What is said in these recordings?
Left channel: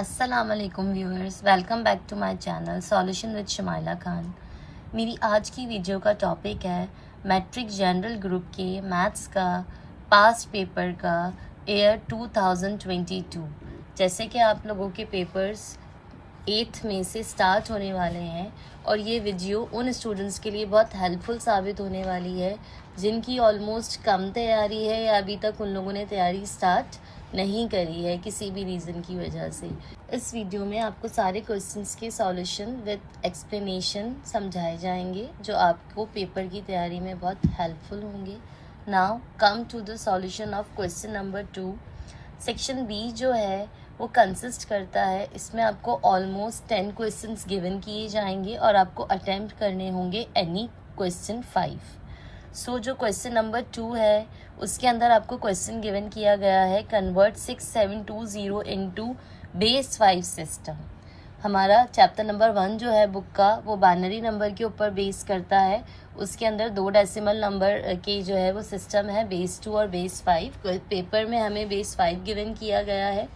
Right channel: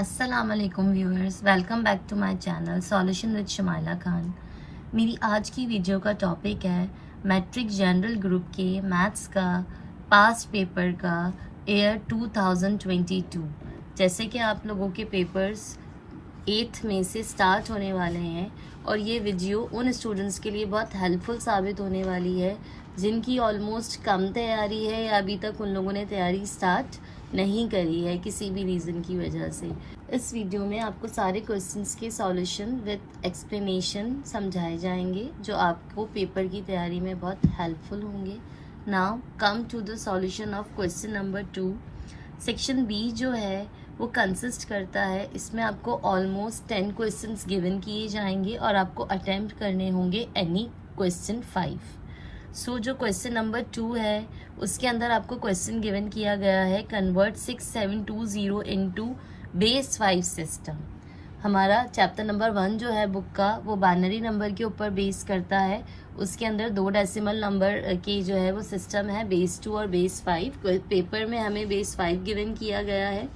अस्सलामुअलैकुम viewers, welcome back to my channel solution with Shumaila Khan. मेरी आज की वीडियो का टॉपिक है मैट्रिक जनरल ग्रुप के मैथ्स का पास्ट पेपर का ईयर 2022। जैसे कि आप लोगों के पेपर्स 8th में से स्टार्ट होने वाले हैं और ये वीडियो उन स्टूडेंट्स के लिए बहुत हेल्पफुल साबित होने वाली है जिनकी ऑलमोस्ट कम तैयारी है या अभी तक उन लोगों ने तैयारी स्टार्ट नहीं करी है किसी भी रीज़न की वजह से। इस वीडियो में आपको सारे क्वेश्चंस के सॉल्यूशन विद एक्सप्लेनेशन समझाए जाएंगे जो आपको पेपर की तैयारी में बहुत हेल्पफुल होंगे। Now come to the solution of question number 2। Section B जो है वो कंसिस्ट करता है, इसमें आपको ऑलमोस्ट 10 क्वेश्चंस गिवन किए जाएंगे और आपको अटेम्प्ट करने होंगे एनी क्वेश्चन 5। सो जो क्वेश्चन नंबर 2 है उसके अंदर आपको क्वेश्चन गिवन किया गया है कन्वर्ट 6720 इनटू बेस 5 सिस्टम। हमारा चैप्टर नंबर 1 जो है बुक का वो बाइनरी नंबर के ऊपर बेस करता है। उसके अंदर 2 डेसिमल नंबर के जो है वो सिस्टम है बेस 2 और बेस 5। पेपर में हमें बेस 5 गिवन किया गया है।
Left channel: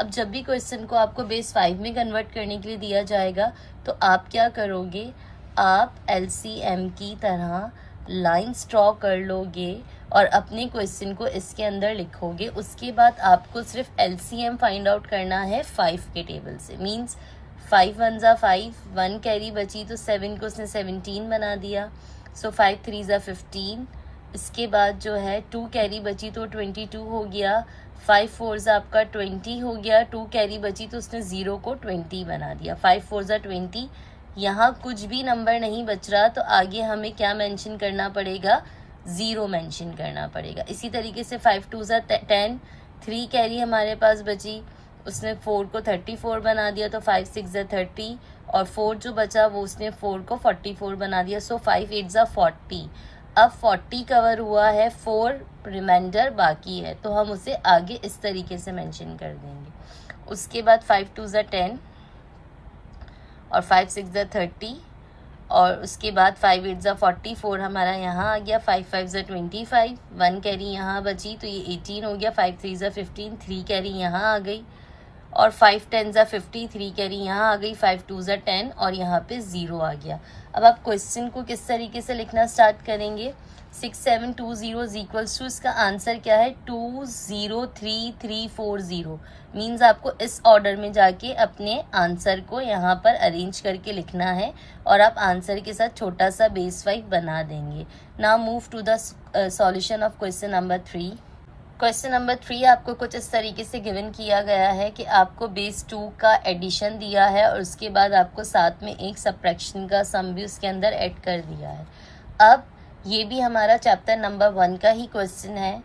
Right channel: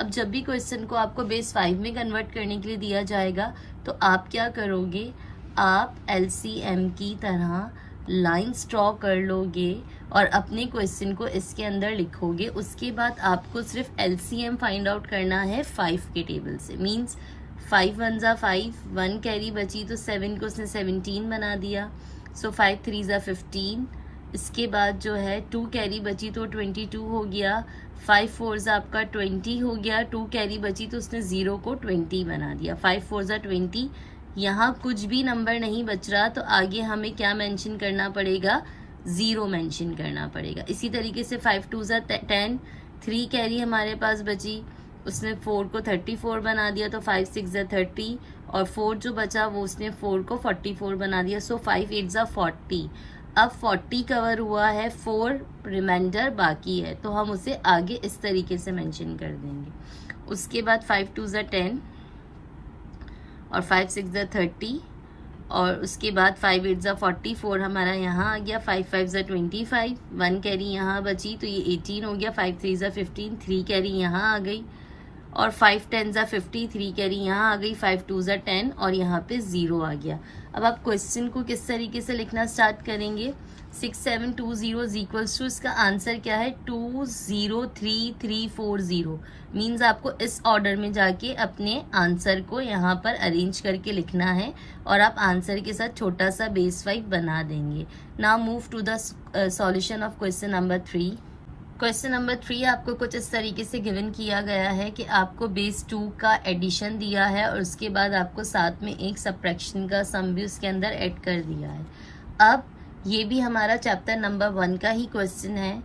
अब जब भी क्वेश्चन को आपको बेस 5 में कन्वर्ट करने के लिए दिया जाएगा तो आप क्या करोगे, आप LCM की तरह लाइन्स ड्रॉ कर लोगे और अपने क्वेश्चन को इसके अंदर लिखोगे। उसके बाद आपको सिर्फ LCM फाइंड आउट करना है 5 के टेबल से। मींस 5 1 जा 5, 1 कैरी बची तो 7 को उसने 17 बना दिया। सो 5 3 जा 15। इसके बाद जो है 2 कैरी बची तो 22 हो गया। 5 4 जा आपका 20 हो गया। 2 कैरी बची तो उसने 0 को 20 बना दिया। 5 4 जा 20। यहाँ कुछ भी नंबर नहीं बच रहा तो आगे हमें क्या मेंशन करना पड़ेगा, 0 मेंशन करना पड़ेगा। इसी तरीके से 5 2 जा 10, 3 कैरी हमारे पास बची, उसने 4 को 34 बना दिया तो 5 6 जा 30 और 4 जो बचा वो उसने 4 को 44 बना दिया। सो 5 8 जा 40। अब 40 कवर हुआ है, 4 रिमाइंडर बाकी है तो हम उसे आगे इस तरीके से मेंशन कर देंगे। उसके बाद 5 2 जा 10 और 5 6 जा 30 और उसके बाद 5 8 जा 44 हमारा यहाँ आ गया। 5 5 जा 25, 1 कैरी यहाँ बची तो ये 18 हो गया। 5 3 जा 15, 3 कैरी यहाँ आ गई और 5 10 जा 50, 3 कैरी यहाँ आ गई। 5 2 जा 10 और यहाँ पे 0 आ गया। अब आप क्वेश्चन को किस तरीके से लिखना स्टार्ट करेंगे, 6720 इक्वल्स टू इसका आंसर क्या है 203340। मीन्स आपको इस ऑर्डर में जाके अपने आंसर को यहाँ पर अरेंज करके लिखना है और आप आंसर के साथ छोटा सा बेस 5 बना देंगे। Now move to the solution of question number 3। Question number 3 आपको कुछ इस तरीके से गिवन किया गया है कि आपको बेस 2 का एडिशन दिया है और उसके बाद आपको साथ में एक सबट्रैक्शन का सम भी उसके अंदर ऐड कर दिया है। अब ये भी हमारा चैप्टर नंबर 1 का ही क्वेश्चन है।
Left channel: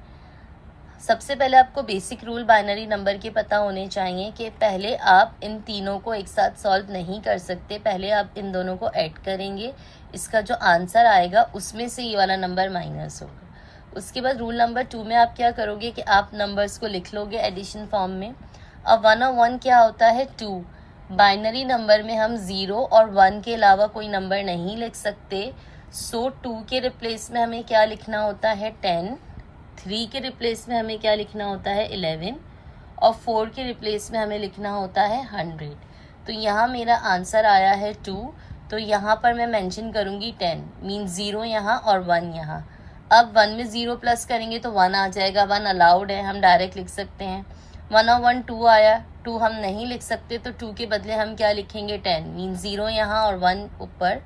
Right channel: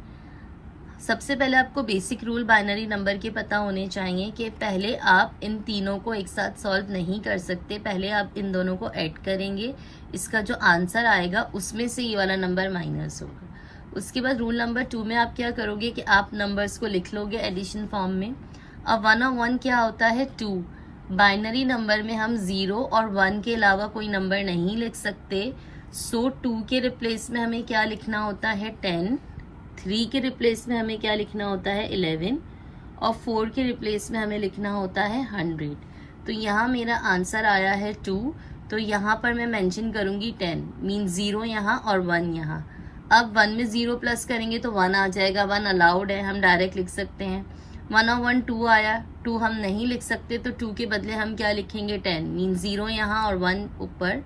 सबसे पहले आपको बेसिक रूल बाइनरी नंबर के पता होने चाहिए कि पहले आप इन तीनों को एक साथ सॉल्व नहीं कर सकते, पहले आप इन दोनों को ऐड करेंगे, इसका जो आंसर आएगा उसमें से ये वाला नंबर माइनस होगा। उसके बाद रूल नंबर 2 में आप क्या करोगे कि आप नंबर्स को लिख लोगे एडिशन फॉर्म में। अब 1 और 1 क्या होता है 2। बाइनरी नंबर में हम 0 और 1 के अलावा कोई नंबर नहीं लिख सकते। सो 2 के रिप्लेस में हमें क्या लिखना होता है 10, 3 के रिप्लेस में हमें क्या लिखना होता है 11 और 4 के रिप्लेस में हमें लिखना होता है 100। तो यहाँ मेरा आंसर आया है 2, तो यहाँ पर मैं मेंशन करूँगी 10, मीन 0 यहाँ और 1 यहाँ। अब 1 में 0 प्लस करेंगे तो 1 आ जाएगा, 1 अलाउड है, हम डायरेक्ट लिख सकते हैं। 1 और 1 2 आया, 2 हम नहीं लिख सकते तो 2 के बदले हम क्या लिखेंगे 10, मीन 0 यहाँ और 1 ऊपर।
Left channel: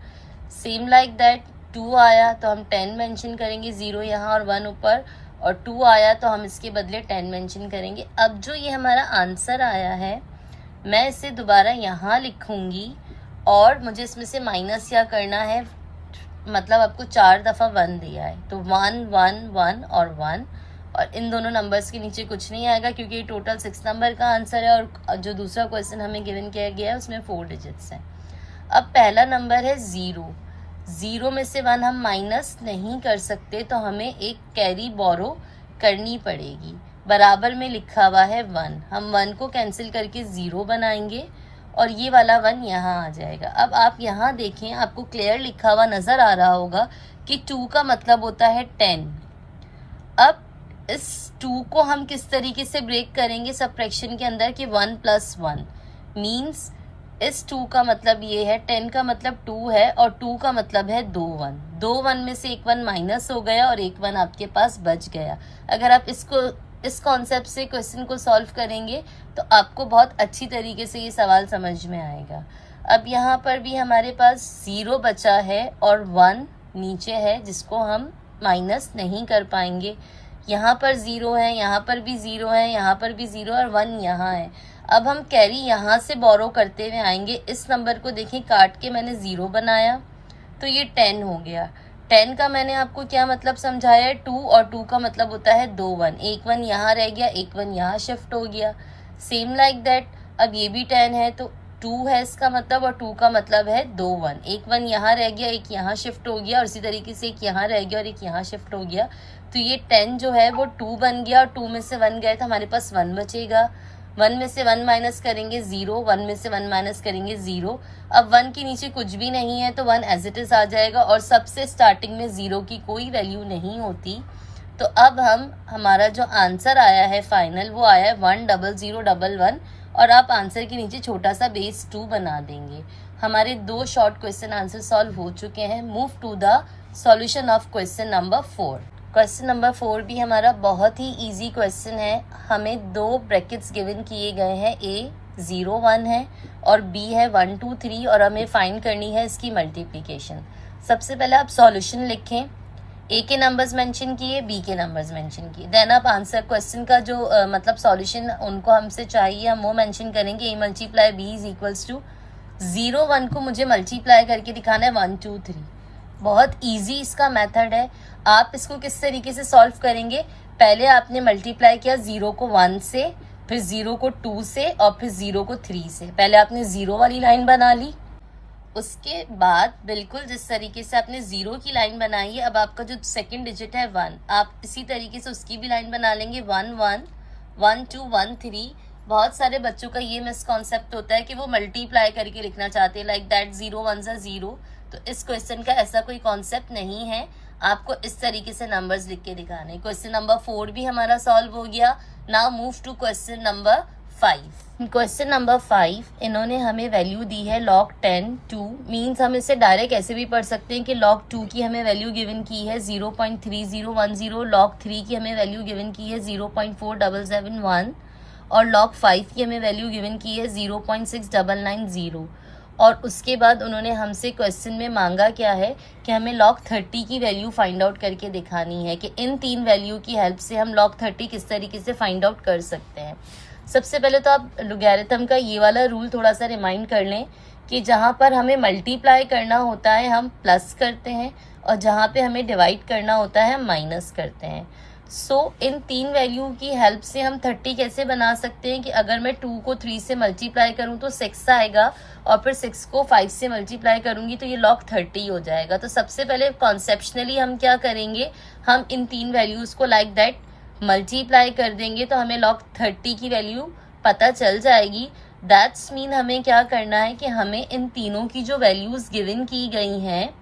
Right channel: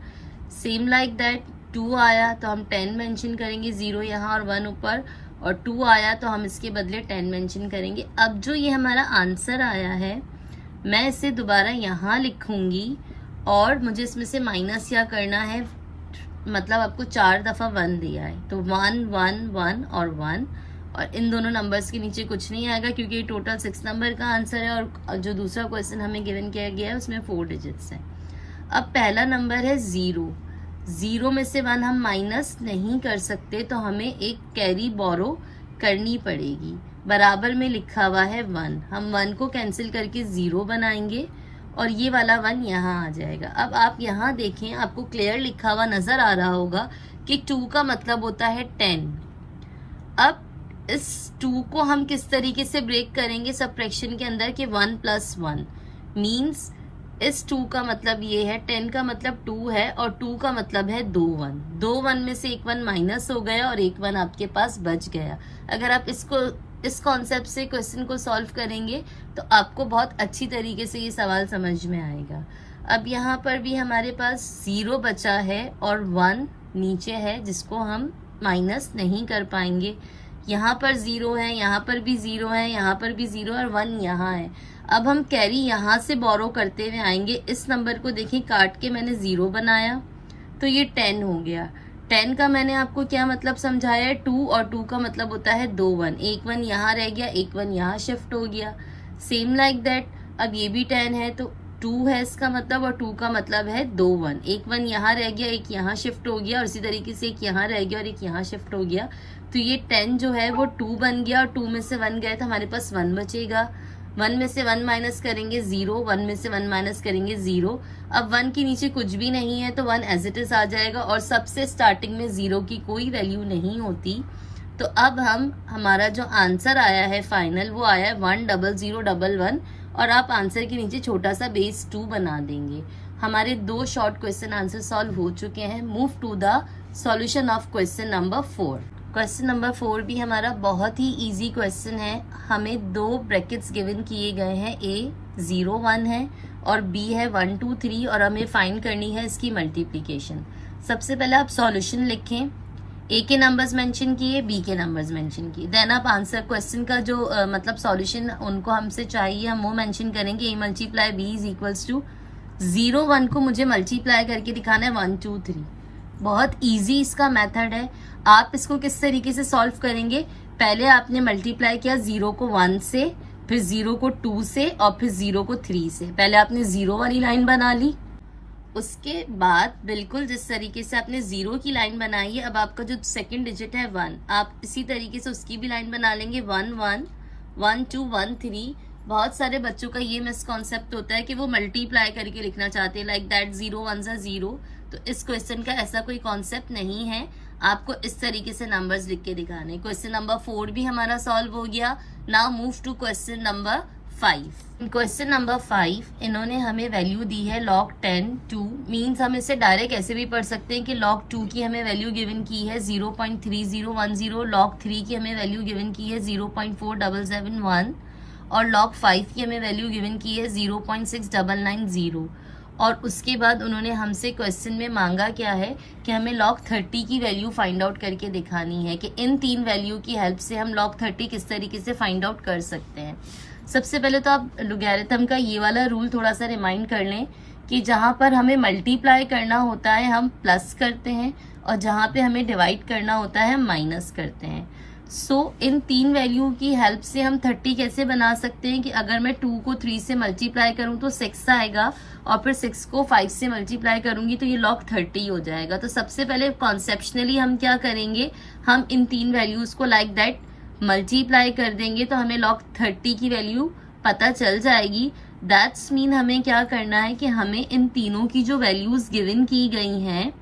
सेम लाइक दैट 2 आया तो हम 10 मेंशन करेंगे, 0 यहाँ और 1 ऊपर, और 2 आया तो हम इसके बदले 10 मेंशन करेंगे। अब जो ये हमारा आंसर आया है मैं इसे दोबारा यहाँ लिखूंगी और मुझे इसमें से माइनस क्या करना है, मतलब आपको 4 दफ़ा 1 दिया है तो 1 1 1 और 1 और इन दोनों नंबर्स के नीचे कुछ नहीं आएगा क्योंकि ये टोटल 6 नंबर का आंसर है और जो दूसरा क्वेश्चन हमें गिवन किया गया है उसमें 4 डिजिट्स हैं। अब पहला नंबर है 0, 0 में से 1 हम माइनस नहीं कर सकते तो हमें एक कैरी बोरो करनी पड़ेगी। बराबर में लिखा हुआ है 1, हम 1 को कैंसिल करके 0 बनाएंगे और ये वाला 1 यहाँ आ जाएगा। अब आप यहाँ देखें, आपको क्लियर लिखा हुआ नजर आ रहा होगा कि 2 का मतलब होता है 10। अब इस 2 को हम किस तरीके से ब्रेक करेंगे सबट्रैक्शन के अंदर कि 1 + 1, मीन्स इस 2 का मतलब ये है, 10 का मतलब 2 है और 2 का मतलब है 2 1 में से एक 1 माइनस हो गया और एक 1 आपके पास बच गया। अगर आप इस कॉन्सेप्ट से क्वेश्चन को सॉल्व करेंगे तो आपको बहुत अच्छी तरीके से ये सवाल समझ में आएगा। अब यहाँ पर भी हमारे पास 0 बचा है और 1 नीचे है जिसको हम माइनस नहीं कर पाएंगे। यहाँ पर 0 है, यहाँ पर भी 0 है, यहाँ पर भी 0 और 1 यहाँ है। अब हम कैरी यहाँ से बोरो करते हुए आएंगे। इस नंबर को देखिए काट के मैंने 0 बनाया तो ये 10 हो गया। 10 का मैंने आपको क्या मतलब समझाया, 2 और 2 का मतलब होता है 2 1, एक 1 यहाँ रह गया, एक 1 यहाँ शिफ्ट हो गया। सेम लाइक दैट अब ये भी 10 है तो 2 है इसका मतलब और 2 का मतलब है 2 1, एक 1 यहाँ रह गया, एक यहाँ शिफ्ट हो गया और इसी तरीके से एक यहाँ रह गया और एक यहाँ शिफ्ट हो गया। तो ये 10 जो है वो 2 बन गया और 2 में से 1 गया तो हमारे पास 1 बचेगा। 1 में से 1 माइनस करेंगे 0, 1 में से 1 माइनस करेंगे 0। अब 1 के नीचे कुछ भी नहीं है तो 1 एज इट इज आ जाएगा और सबसे स्टार्टिंग में 0 की कोई वैल्यू नहीं होती। तो अब हमारा जो आंसर आया है फाइनल वो आया है 10011 और आप आंसर के नीचे छोटा सा बेस 2 बना देंगे। हमारे 2 शॉर्ट क्वेश्चन आंसर सॉल्व हो चुके हैं। Move to the solution of question number 4। Question number 4 भी हमारा बहुत ही इजी क्वेश्चन है। हमें 2 ब्रैकेट्स गिवन किए गए हैं, A 0 1 है और B है 1 2 3 और हमें फाइंड करनी है इसकी मल्टीप्लिकेशन। सबसे पहले आप सॉल्यूशन लिखें, A के नंबर्स मेंशन किए, B के नंबर्स मेंशन किए, देन आप आंसर क्वेश्चन का जो मतलब सॉल्यूशन उनको हमसे चाहिए हम वो मेंशन करेंगे। A multiply B is equals to 0 1 को मुझे मल्टीप्लाई करके दिखाना है 1 2 3। बहुत इजी इसका मेथड है। आप इसको किस तरीके से सॉल्व करेंगे, पहले आपने मल्टीप्लाई किया 0 को 1 से, फिर 0 को 2 से और फिर 0 को 3 से। पहले आपने 0 वाली लाइन बना ली, उसके बाद बिल्कुल जिस तरीके से आपने 0 की लाइन बनाई है, अब आपका जो सेकंड डिजिट है 1, आप इसी तरीके से उसकी भी लाइन बना लेंगे 1 1 1 2 1 3। बहुत सारे बच्चों का ये मिसकॉन्सेप्ट होता है कि वो मल्टीप्लाई करके लिखना चाहते हैं, लाइक दैट 0 1 0। तो इस क्वेश्चन का ऐसा कोई कॉन्सेप्ट नहीं है, आपको इस तरीके से नंबर्स लिख के दिखाने। क्वेश्चन नंबर 4 भी हमारा सॉल्व हो गया। Now move to question number 5। Question number 5 इन्होंने हमें वैल्यू दी है log 10 2, मीन्स हम इसे डायरेक्ट ऐसे भी पढ़ सकते हैं कि log 2 की हमें वैल्यू गिवन की है 0.3010, log 3 की हमें वैल्यू गिवन की है 0.4771 और log 5 की हमें वैल्यू गिवन की है 0.6990। और उसके बाद उन्होंने हमसे क्वेश्चन में मांगा क्या है कि हमें log 30 की वैल्यू फाइंड आउट करके दिखानी है कि इन 3 वैल्यू की हेल्प से हम log 30 किस तरीके से फाइंड आउट कर सकते हैं। सबसे पहले तो आप लॉगरिथम का ये वाला रूल थोड़ा सा रिमाइंड कर लें कि जहाँ पर हमें मल्टीप्लाई करना होता है हम प्लस करते हैं और जहाँ पे हमें डिवाइड करना होता है हम माइनस करते हैं। इन 3 वैल्यू की हेल्प से हम 30 कैसे बना सकते हैं कि अगर मैं 2 को 3 से मल्टीप्लाई करूं तो 6 आएगा और फिर 6 को 5 से मल्टीप्लाई करूंगी तो ये log 30 हो जाएगा। तो सबसे पहले कॉन्सेप्शनली हम क्या करेंगे, हम इन 3 वैल्यूज को लाइक दैट मल्टीप्लाई कर देंगे तो हमें log 30 की वैल्यू पता चल जाएगी। दैट्स मीन हमें क्या करना है कि हमें इन तीनों की जो वैल्यूज गिवन की गई हैं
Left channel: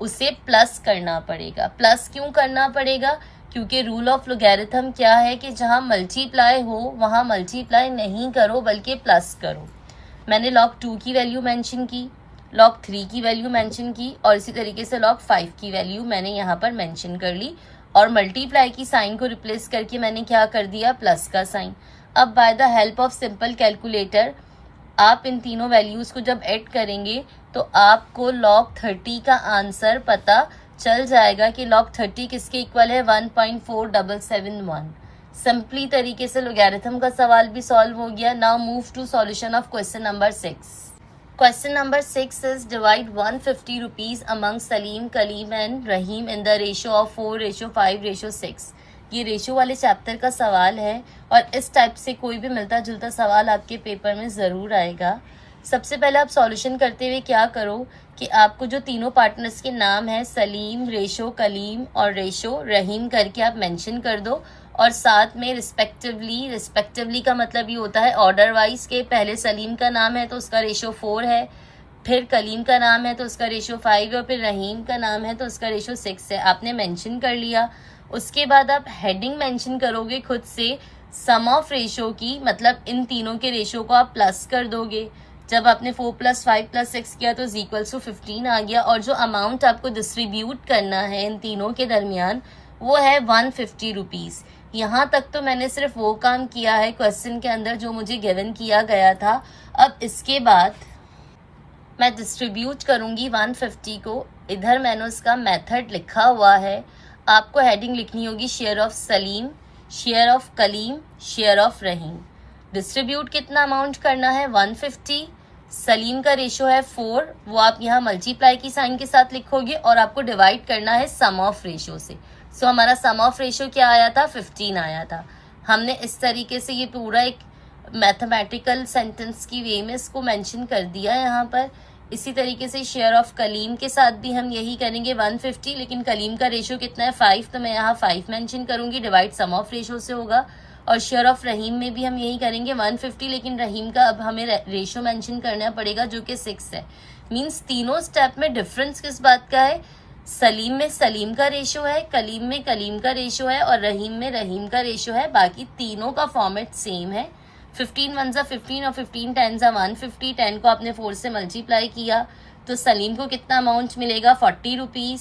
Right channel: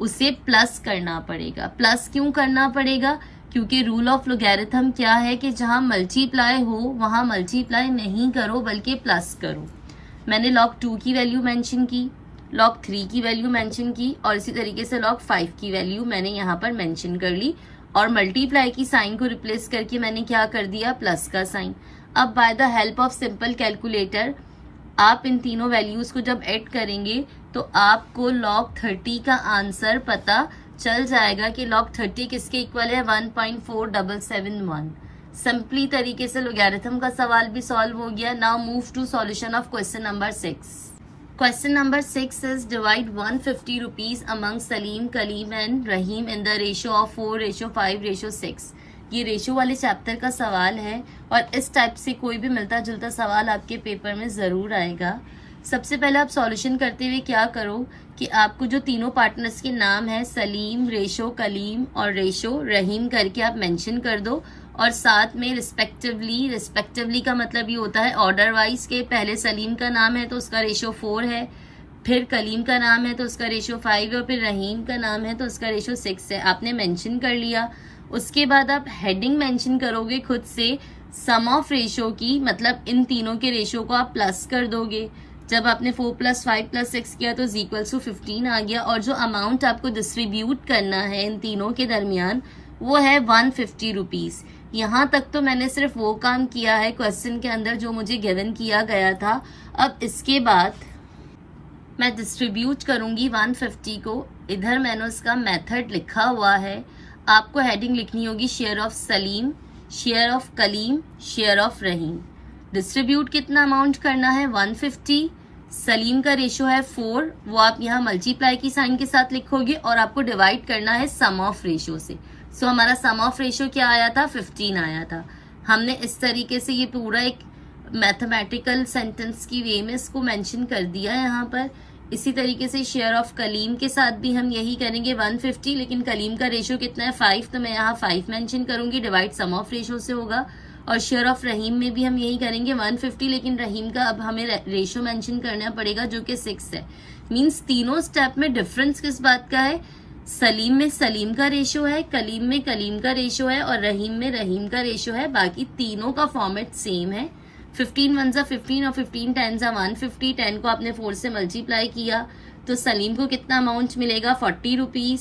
उसे प्लस करना पड़ेगा। प्लस क्यों करना पड़ेगा, क्योंकि रूल ऑफ लॉगरिथम क्या है कि जहां मल्टीप्लाई हो वहां मल्टीप्लाई नहीं करो बल्कि प्लस करो। मैंने log 2 की वैल्यू मेंशन की, log 3 की वैल्यू मेंशन की और इसी तरीके से log 5 की वैल्यू मैंने यहाँ पर मेंशन कर ली और मल्टीप्लाई की साइन को रिप्लेस करके मैंने क्या कर दिया, प्लस का साइन। अब by the help of simple calculator आप इन तीनों वैल्यूज को जब ऐड करेंगे तो आपको log 30 का आंसर पता चल जाएगा कि log 30 किसके इक्वल है, 1.4771। सिंपली तरीके से लॉगरिथम का सवाल भी सॉल्व हो गया। Now move to solution of question number 6। Question number 6 is divide 150 rupees among Salim, Kalim and Rahim in the ratio of 4:5:6। ये रेशियो वाले चैप्टर का सवाल है और इस टाइप से कोई भी मिलता जुलता सवाल आपके पेपर में जरूर आएगा। सबसे पहले आप सॉल्यूशन करते हुए क्या करो कि आपको जो तीनों पार्टनर्स के नाम है सलीम, रेशो कलीम और रेशो रहीम करके आप मेंशन कर दो और साथ में रिस्पेक्टिवली का मतलब ये होता है ऑर्डर वाइज के पहले सलीम का नाम है तो उसका रेशो 4 है, फिर कलीम का नाम है तो उसका रेशो 5 है और फिर रहीम का नाम है तो उसका रेशो 6 है। आपने मेंशन कर लिया। उसके बाद आप हेडिंग मेंशन करोगे खुद से सम ऑफ रेशो की, मतलब इन तीनों के रेशो को आप प्लस कर दोगे। जब आपने 4 + 5 + 6 किया तो इक्वल्स टू 15 आ गया। और जो अमाउंट आपको डिस्ट्रीब्यूट करना है इन तीनों के दरमियान वो है 150 रुपीज। यहाँ तक तो मैंने सिर्फ वो काम किया है क्वेश्चन के अंदर जो मुझे गिवन किया गया था। अब इसके बाद मैं डिस्ट्रीब्यूट करूंगी 150 को। इधर मैंने उसका मेथड लिखा हुआ है। आपको हेडिंग लिखनी होगी share of Salim, share of Kalim, share of Rahim. Distribute कितना अमाउंट करना है 150। सलीम का रेशो है 4, वो आप यहाँ मल्टीप्लाई की साइन के साथ लिखोगे और आपको डिवाइड करना है सम ऑफ रेशो से। सो हमारा सम ऑफ रेशो क्या आया था 15 आया था। हमने इस तरीके से ये पूरा एक मैथमेटिकल सेंटेंस की वे में इसको मेंशन कर दिया यहाँ पर। इसी तरीके से शेयर ऑफ कलीम के साथ भी हम यही करेंगे 150, लेकिन कलीम का रेशो कितना है 5, तो मैं यहाँ 5 मेंशन करूंगी, डिवाइड सम ऑफ रेशो से होगा। और शेयर ऑफ रहीम में भी हम यही करेंगे 150, लेकिन रहीम का अब हमें रेशो मेंशन करना पड़ेगा जो कि 6 है। मींस तीनों स्टेप में डिफरेंस किस बात का है, सलीम में सलीम का रेशो है, कलीम में कलीम का रेशो है और रहीम में रहीम का रेशो है। बाकी तीनों का फॉर्मेट सेम है। 15 1 15 और 15 10 150। 10 को आपने 4 से मल्टीप्लाई किया तो सलीम को कितना अमाउंट मिलेगा 40 रुपीज।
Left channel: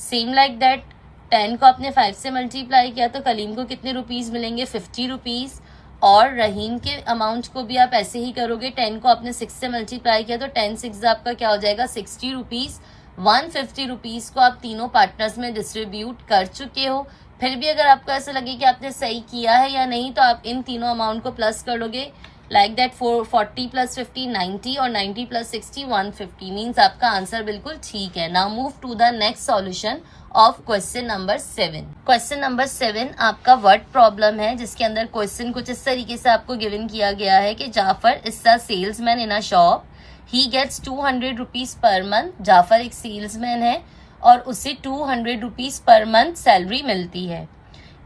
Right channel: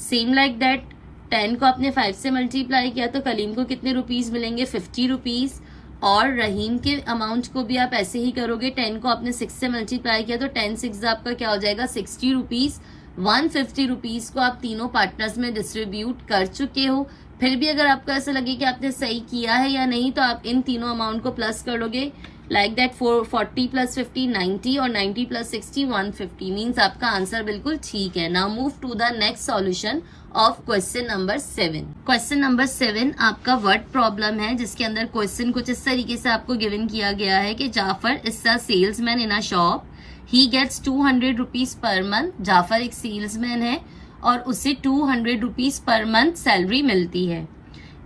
सेम लाइक दैट 10 को आपने 5 से मल्टीप्लाई किया तो कलीम को कितने रुपीज मिलेंगे 50 रुपीज। और रहीम के अमाउंट को भी आप ऐसे ही करोगे। 10 को आपने 6 से मल्टीप्लाई किया तो 10 6 आपका क्या हो जाएगा 60 रुपीज। 150 रुपीज को आप तीनों पार्टनर्स में डिस्ट्रीब्यूट कर चुके हो। फिर भी अगर आपको ऐसा लगे कि आपने सही किया है या नहीं तो आप इन तीनों अमाउंट को प्लस कर लोगे। लाइक दैट 40 + 50 90 और 90 + 60 150। मीन्स आपका आंसर बिल्कुल ठीक है। Now move to the next solution of question number 7। Question number 7 आपका वर्ड प्रॉब्लम है, जिसके अंदर क्वेश्चन कुछ इस तरीके से आपको गिवन किया गया है कि Jafar is a salesman in a shop, he gets 200 rupees per month. Jafar एक सेल्समैन है और उसे 200 रुपीज पर मंथ सैलरी मिलती है।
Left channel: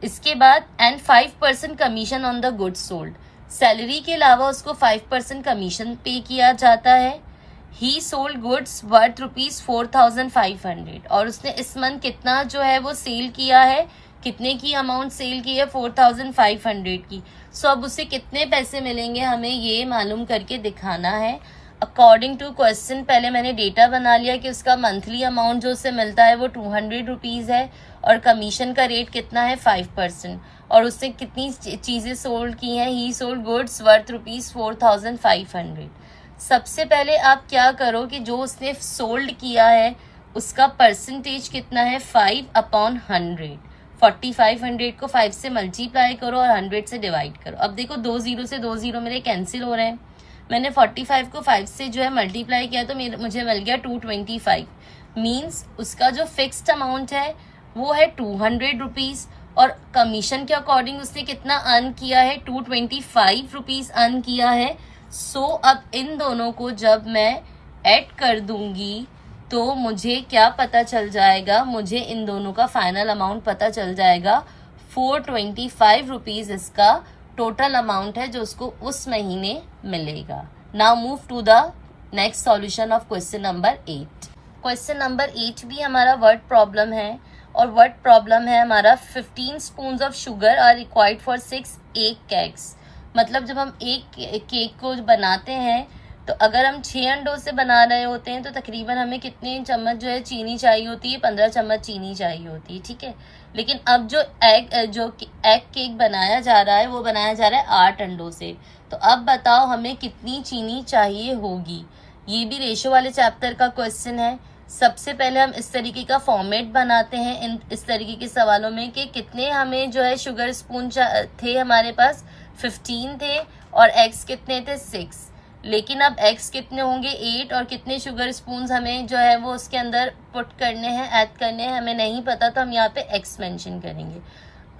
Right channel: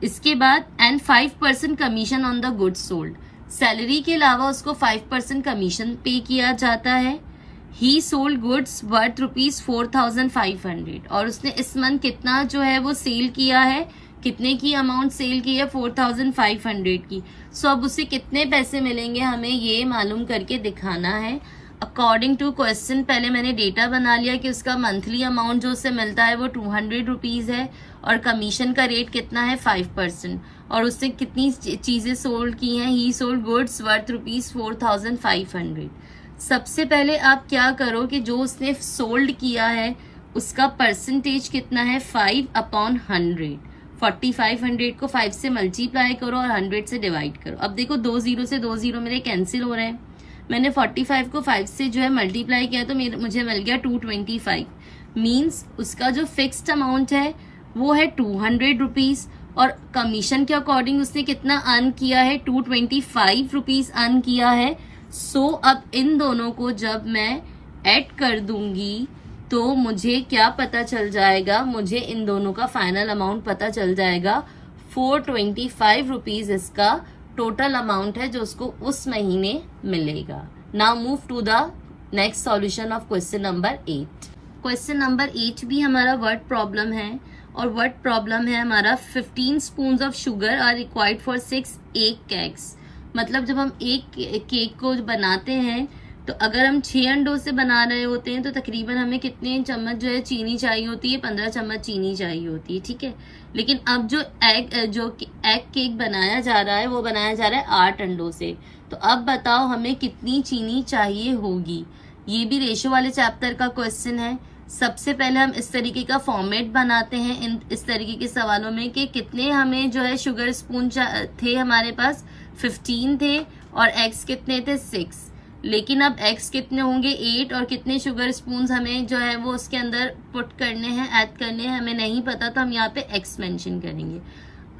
इसके बाद and 5% commission on the goods sold. Salary के अलावा उसको 5% कमीशन पे किया जाता है। ही सोल्ड गुड्स वर्थ ₹4,500 और उसने इस मंथ कितना जो है वो सेल किया है, कितने की अमाउंट सेल की है 4,500 की। सो अब उसे कितने पैसे मिलेंगे हमें ये मालूम करके दिखाना है। अकॉर्डिंग टू क्वेश्चन पहले मैंने डेटा बना लिया कि उसका मंथली अमाउंट जो उसे मिलता है वो 200 रुपीज है और कमीशन का रेट कितना है 5% और उससे कितनी चीजें सोल्ड की हैं, ही सोल्ड गुड्स वर्थ ₹4,500। सबसे पहले आप क्या करो कि जो उसने सोल्ड किया है उसका परसेंटेज कितना है 5/100। 4500 को 5 से मल्टीप्लाई करो और 100 से डिवाइड करो। अब देखो 2 0 से 2 0 मेरे कैंसिल हो रहे हैं। मैंने 45 को 5 से जो है मल्टीप्लाई किया तो मुझे मिल गया 225। मीन्स उसका जो फिक्स्ड अमाउंट है वो है 200 रुपीज और कमीशन के अकॉर्डिंग उसने कितना अर्न किया है 225 रुपीज अर्न किया है। सो अब इन दोनों को जब मैं ऐड कर दूंगी तो मुझे क्या पता चल जाएगा, मुझे इन दोनों का फाइनल अमाउंट पता चल जाएगा। 425 रुपीज इसका टोटल अमाउंट है जो उसको उस महीने मिलेगा। Now move to the next solution of question number 8। Question number 8 भी हमारा वर्ड प्रॉब्लम है और वर्ड प्रॉब्लम है हमारा 15 spoons of sugar are required for 6 egg cakes. मतलब जब हम एक केक को बनाते हैं तो अगर हम 6 अंडों से बना रहे होते हैं तो तकरीबन हमें कितने चम्मच जो है चीनी चाहिए होती है, 15 चम्मच चीनी चाहिए होती है, ठीक है। लेकिन अब जो एग केक बनाया जा रहा है वो बनाया जा रहा है 8 अंडों से। तो अब बताओ हमें कितनी चीनी चाहिए होगी। ये भी रेशो वाले चैप्टर का क्वेश्चन है। सबसे पहले हम इस तरीके का फॉर्मेट बनाते हैं इस तरीके के सवालों में कि कितने हमें जो है शुगर स्पून थे, हमारे पास 15 थे और एग्स कितने थे 6। लेकिन अब एग्स कितने होंगे 8 और कितने शुगर स्पून हमें जो है वो उसके अंदर पुट करने हैं, ऐड करने हैं, हमें नहीं पता तो हम यहाँ पे एक्स मेंशन करेंगे।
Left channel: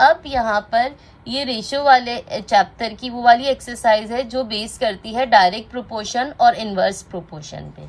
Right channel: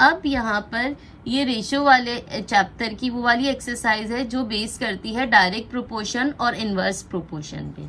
अब यहाँ पर ये रेशो वाले चैप्टर की वो वाली एक्सरसाइज है जो बेस करती है डायरेक्ट प्रोपोर्शन और इनवर्स प्रोपोर्शन पे।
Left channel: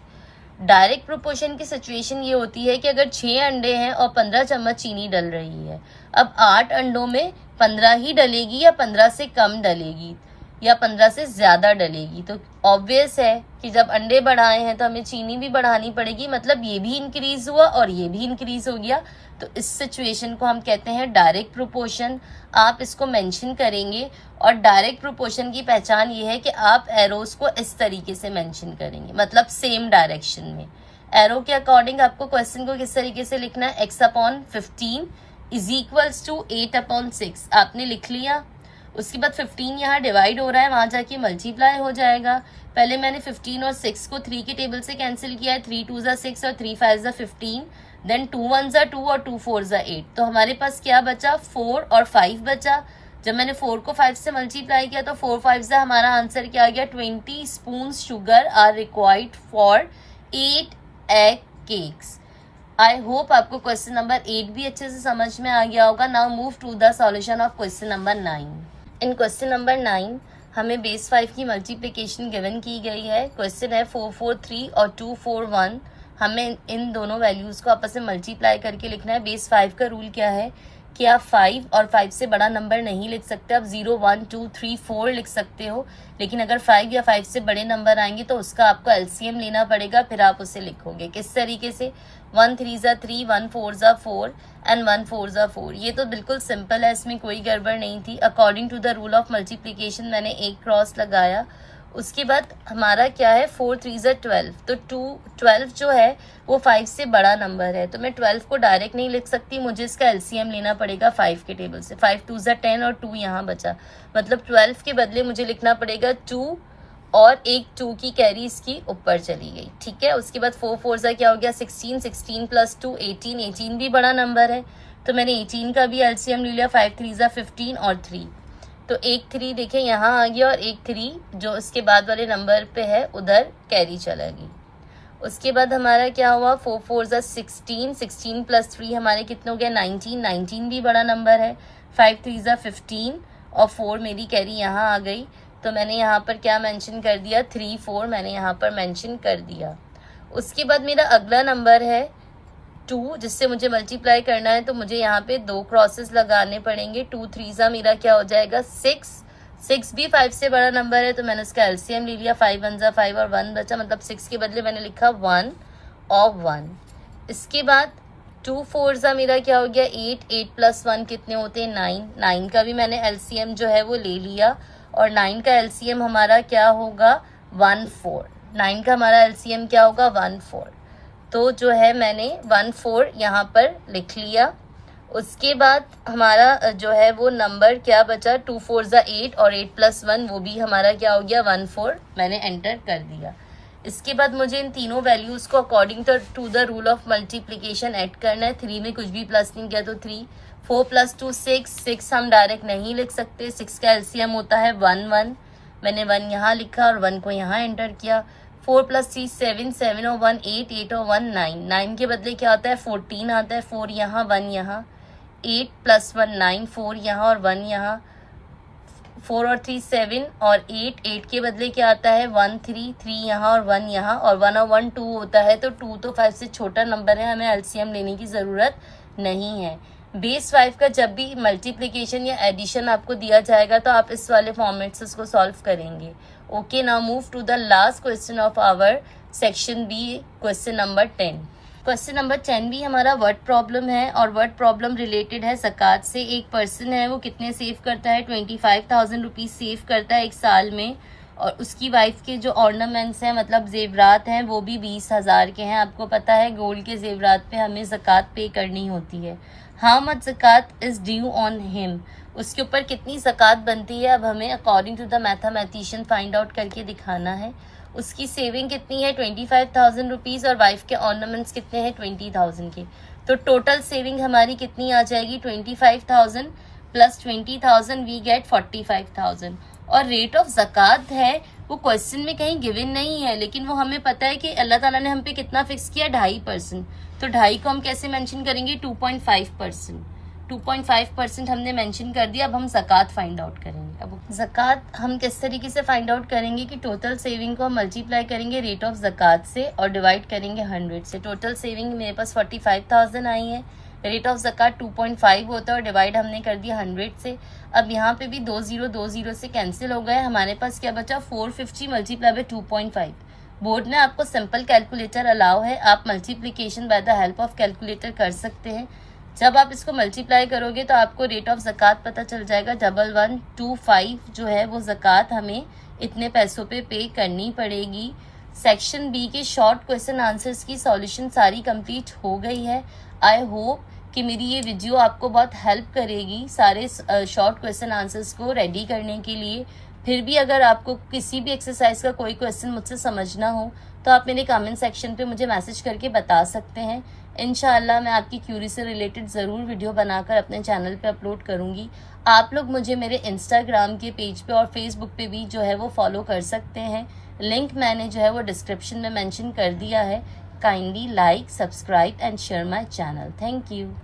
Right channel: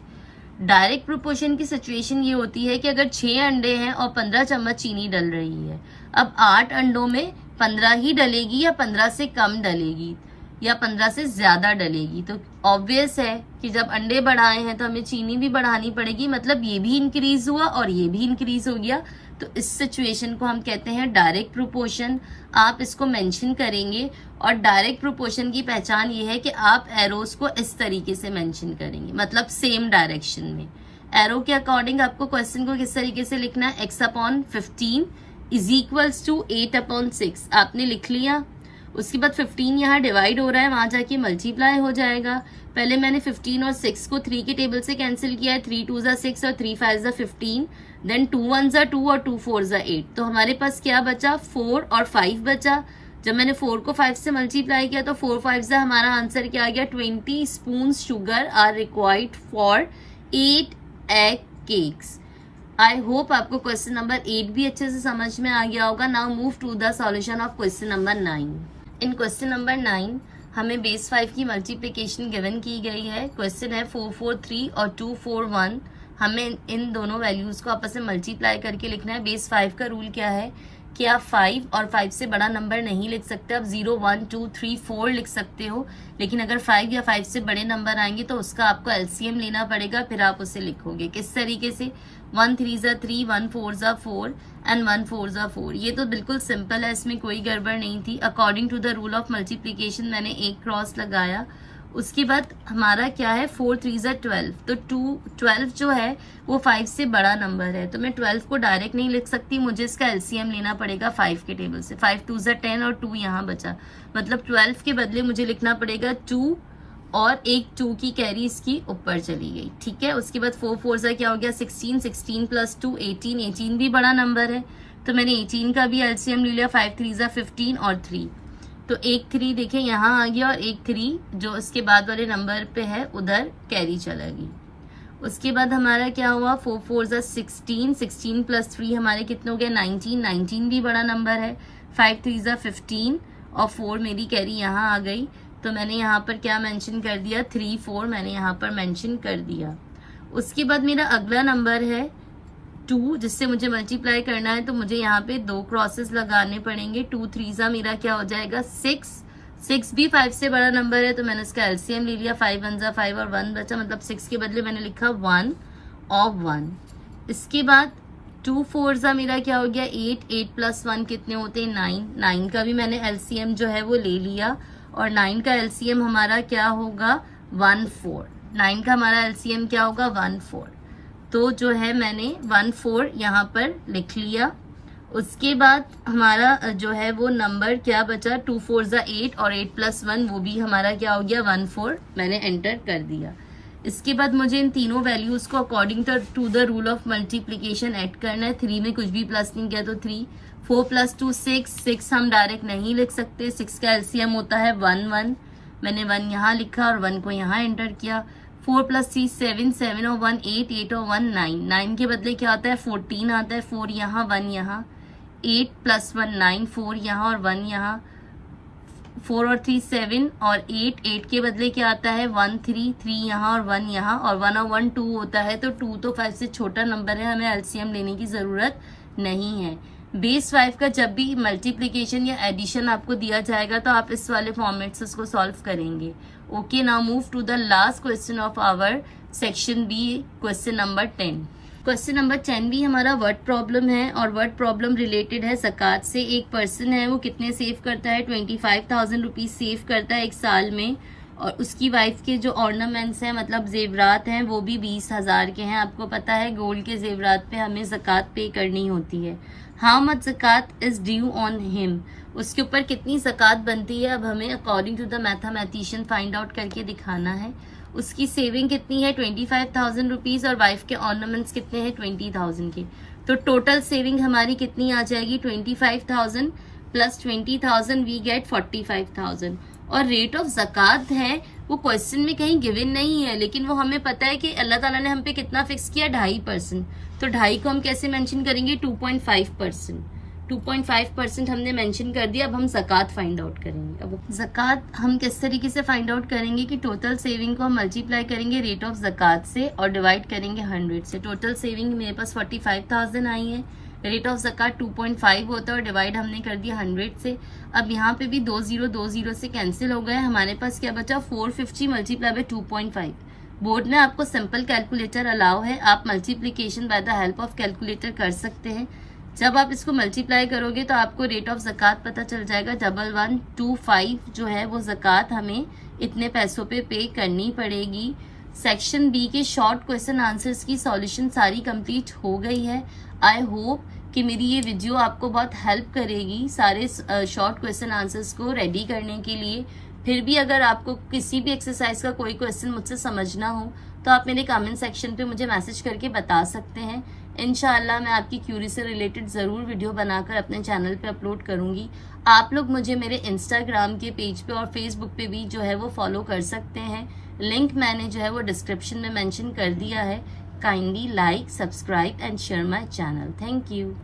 डायरेक्ट प्रोपोर्शन की सिचुएशन ये होती है कि अगर 6 अंडे हैं और 15 चम्मच चीनी डल रही है, अब 8 अंडों में 15 ही डलेगी या 15 से कम डलेगी। या 15 से ज्यादा डलेगी। तो ऑब्वियस है कि जब अंडे बढ़ाए हैं तो हमें चीनी भी बढ़ानी पड़ेगी, मतलब ये भी इंक्रीज हुआ और ये भी इंक्रीज हो गया। तो इस सिचुएशन को हम कहते हैं डायरेक्ट प्रोपोर्शन। आप इसको मेंशन करेंगे और डायरेक्ट प्रोपोर्शन की पहचान ये है कि आप एरोस को इस तरीके से मेंशन करेंगे, मतलब सेम डायरेक्शन में। एरो के अकॉर्डिंग आपको क्वेश्चन को किस तरीके से लिखना है, x/15 इज इक्वल्स टू 8/6 आपने लिख लिया। उसके बाद 15 यहाँ डिवाइड हो रहा है, वहां जाके मल्टीप्लाई हो जाएगा। पहले मैंने 15 और 6 को 3 के टेबल से कैंसिल किया है, 3 2 ज़ा 6 और 3 5 ज़ा 15, देन 2 1 ज़ा 2 और 2 4 ज़ा 8। तो हमारे पास क्या बचा, 4 और 5 बचा। जब मैंने 4 को 5 से मल्टीप्लाई किया तो 4 5 ज़ा हमारा आंसर क्या आ गया, 20 spoon sugar are required for 8 egg cakes. I hope आपको क्वेश्चन नंबर 8 भी अच्छे से समझ में आ गया होगा। Now move to the solution of question number 9। In question number 9 हमें बेस 5 की मल्टीप्लिकेशन गिवन की गई है। क्वेश्चन है 443 और 241। हमें इन दोनों वैल्यूज को आपस में मल्टीप्लाई करके लिखना है। बेस 5 का रूल क्या है कि आप 5 और 5 से बड़ा नंबर नहीं लिख सकते। आप 0 1 2 3 4 लिख सकते हो, लेकिन अगर 5 या 5 से बड़े नंबर आएंगे तो उसका आपको एलसीएम लेना पड़ेगा, फिर आप उसे लिखोगे किस तरीके से, 1 3 ज़ा 3, 1 4 ज़ा 4 एंड 1 4 ज़ा 4। ये तो बिल्कुल सिंपल है, इसमें कोई गड़बड़ नहीं थी। According to the rule of multiplication मैंने एक क्रॉस लगाया। उसके बाद हमारा क्या है, 4 3 ज़ा 12। तो 12 जो है वो 5 से बड़ा नंबर है, तो मैं 12 को डायरेक्ट नहीं लिख सकती, मुझे इसका एलसीएम लेना पड़ेगा 5 के टेबल से। 5 2 ज़ा 10 और 2 यहाँ बचा, मतलब 12 के बदले मुझे लिखना पड़ेगा 2 और एक 2 की कैरी इसकी ऊपर चली गई, ठीक है। उसके बाद 4 4 ज़ा क्या हो गया, 16, 16 प्लस 2 18, 18 भी बड़ा नंबर है, तो मैंने 18 का भी एलसीएम ले लिया। 5 3 ज़ा 15 और 3, तो एक 3 देखें यहाँ आ गया और एक 3 जो इसके बाद वाले नंबर पे है उधर कैरी चला गई। उसके बाद हमारा क्या हुआ, 4 4 ज़ा 16, 16 प्लस 3 हमारे कितने हो गए, 19, 19 भी बड़ा नंबर है। 5 3 ज़ा 15 और 4 मेरी कैरी यहाँ आ गई, तो मैंने यहाँ पर क्या मेंशन कर दिया, 3 4 मैंने यहाँ पर मेंशन कर दिया। उसके बाद मेरा अगला नंबर है 2, जिससे मुझे मल्टीप्लाई करना है, तो मुझे यहाँ पे 2 क्रॉसेस लगाने पड़ेंगे। 2 3 ज़ा मेरा क्या हो जाएगा, 6, 6 भी 5 से बड़ा नंबर है, तो मैंने उसका एलसीएम ले लिया। 5 1 ज़ा 5 और 1 बचा, मतलब 6 के बदले मैंने लिखा 1 और 1। इसके बाद 2 4 ज़ा मेरा क्या हो गया, 8, 8 प्लस 1 कितने होते हैं, 9, 9 का भी मैंने एलसीएम जो है वो ले लिया, और 9 का एलसीएम हमारा क्या होगा, 1 4। 9 का हमारा एलसीएम क्या होगा, 1 4। तो जो है मैंने 1 4 यहाँ पर लिख लिया। उसके बाद हमारा जो है वो नंबर क्या बचा, 2 4 ज़ा 8 और 8 प्लस 1 वो भी हमारा क्या हो गया, 1 4 मैंने एंटर कर दिया। इसके बाद मुझे इन तीनों वैल्यूज को according to the rule of multiplication add करना है। 3 में कुछ भी प्लस नहीं किया तो 3, 4 प्लस 2 6, 6 हम डायरेक्ट नहीं लिख सकते, 6 का एलसीएम होता है 1 1, मैंने 1 यहाँ लिखा और 1 को यहाँ एंटर किया। 4 प्लस 3 7, 7 और 1 8, 8 और 1 9, 9 के बदले क्या आता है, 14 आता है, 4 यहाँ 1 यहाँ, 8 प्लस 1 9, 4 यहाँ और 1 यहाँ, 4 और 3 7 और 8, 8 के बदले क्या आता है, 1 3, 3 यहाँ और 1 यहाँ, और 1 और 1 2 होता है, तो 2 तो 5 से छोटा नंबर है, हमें एलसीएम लेने की ज़रूरत नहीं है। बेस 5 का जब भी मल्टीप्लिकेशन या एडिशन आपको दिया जाएगा तो आप इस वाले फॉर्मेट से उसको सॉल्व करेंगे। Okay, now move to the last question of our section B, question number 10। Question number 10 भी हमारा वर्ड प्रॉब्लम है, और वर्ड प्रॉब्लम रिलेटेड है ज़कात से। एक पर्सन है वो कितने सेव करता है, 25,000 रुपीज़ सेव करता है एक साल में, और उसकी वाइफ के जो ऑर्नामेंट्स हैं मतलब जेवरात हैं वो भी 20,000 के हैं। आपको पता है गोल्ड के जेवरात पे हमें ज़कात पे करनी होती है। हाउ मच ज़कात इज ड्यू ऑन हिम, उसके ऊपर कितनी ज़कात बनती है, अब हमें according to the mathematician find out करके दिखाना है। उसकी सेविंग कितनी है, 25,000 रुपीज़, और वाइफ के ऑर्नामेंट्स कितने हैं, 20,000 के। तो टोटल सेविंग हमारी कितनी आ जाएगी, 25,000 प्लस 20,000 वी गेट 45,000। और रेट ऑफ ज़कात है वो क्वेश्चन में कहीं गिवन नहीं है, लेकिन वो हमें पता है कि अल्लाह ताला ने हम पे कितना फिक्स किया, 2.5%। तो 2.5 को हम कैसे मेंशन करेंगे, 2.5%। 2.5% हमने मेंशन कर दिया। अब हम ज़कात फाइंड आउट करेंगे। अब ज़कात हम किस तरीके से फाइंड आउट करेंगे कि टोटल सेविंग को हम मल्टीप्लाई करेंगे रेट ऑफ ज़कात से और डिवाइड करेंगे 100 से। टोटल सेविंग मेरे पास 45,000 आई है, रेट ऑफ ज़कात 2.5 होता है और डिवाइड हमने कर दिया 100 से। अब यहाँ पे भी 2 से कैंसिल हो गए, हमारे पास क्या बचा 450 मल्टीप्लाई बाय 2.5। बोर्ड ने आपको सिंपल कैलकुलेटर अलाउ है, आप multiplication by the help of calculator कर सकते हैं। जब आप इसको मल्टीप्लाई करोगे तो आपको रेट ऑफ ज़कात पता चल जाएगा। 1125 जो है वो ज़कात हमें इतने पैसों पे करनी पड़ेगी। सेक्शन बी के शॉर्ट क्वेश्चन आंसर्स की सॉल्यूशन सारी कंप्लीट हो गई है। आई होप कि मेरी ये वीडियो आपको बहुत हेल्प करेगी सारे शॉर्ट क्वेश्चन आंसर्स को रेडी करने के लिए। फिर भी अगर आपको किसी भी एक्सरसाइज का कोई क्वेश्चन मुझसे समझना हो तो आप मेरे कमेंट सेक्शन पे मुझे मैसेज करके बता सकते हैं। इंशाअल्लाह मैं आपकी क्यूरी से रिलेटेड ज़रूर वीडियो बनाकर अपने चैनल पे अपलोड करूंगी। आप लोग मुझे मेरे इंस्टाग्राम के पेज पे और फेसबुक पे भी जो है वो फॉलो कर सकते हैं। लिंक मैंने जो है वो डिस्क्रिप्शन में मेंशन कर दिया है। Kindly like, subscribe and share my channel. Thank you.